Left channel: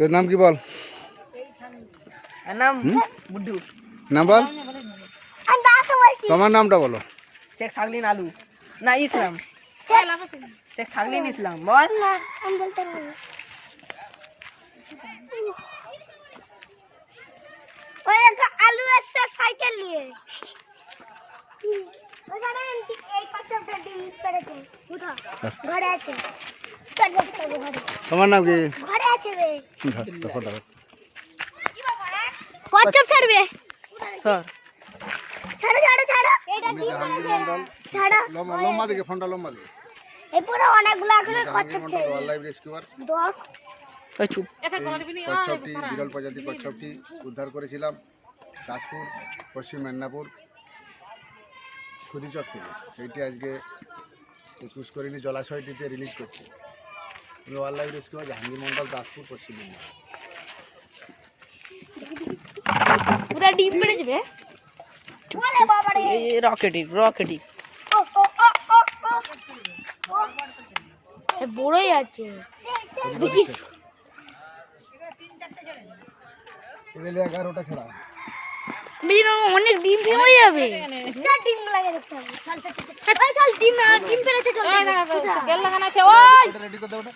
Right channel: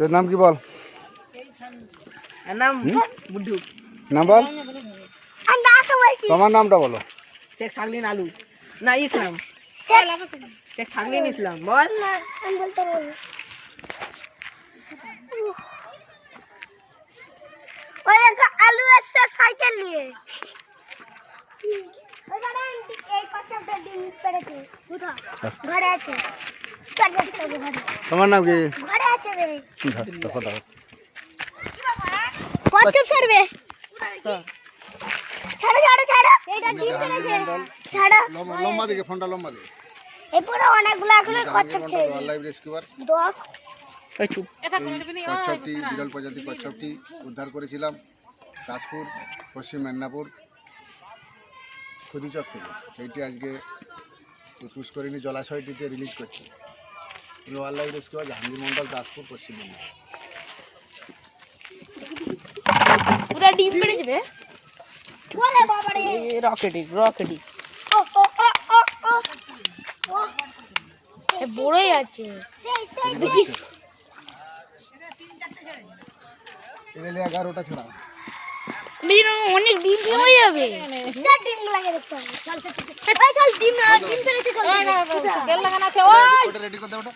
তোর নাম কি বল? নাম বুড্ডু। নাম বল? আমি ডাকে বলছি। তোমার নামটা বলো। শেখ সাগলিন আলু। না ইসলাম। শেখ সাগলিন বল। আলু সাইকেল নিয়ে। ঘরে। তোমার নাম কি? ঘরে কচ্ছপ ছাড়বে। ছাড়ো লম্বা লম্বা দিকে ফোনটা লম্বা দিকে। এই পুরো অনেকগুলো এখন কচ্ছপ ছেড়ে ওয়াইল্ড লাইফ রেস্কিউয়ার দশ। এই চুপ। এই কচ্ছপটি বিরল প্রজাতির কচ্ছপটি উদ্ধার করেছিলাম দাসপুর পশ্চিম মেদিনীপুর খুদিচক থেকে। সেইটি আজকে পুষ্করিণী জলাশয়টিতে রিলিজ করছে। রেস্কিউয়ার জাহাঙ্গীর মন্ডল দাসপুর পশ্চিম মেদিনীপুর। পুরো ডিম রে! এই রকেটি রকেটি ও ও ও ও ও ও। এ বড়ই আছে। এগুলো এগারোটা ছড়া। মেয়েরা অনেক ডিম ফেলে যাবে। চার ডিম লাগে দেখতে চল চল চল ডিম ডিম ফেলেছে চল তেল লাগানো আছে ওটা রেডি করে দে ওটা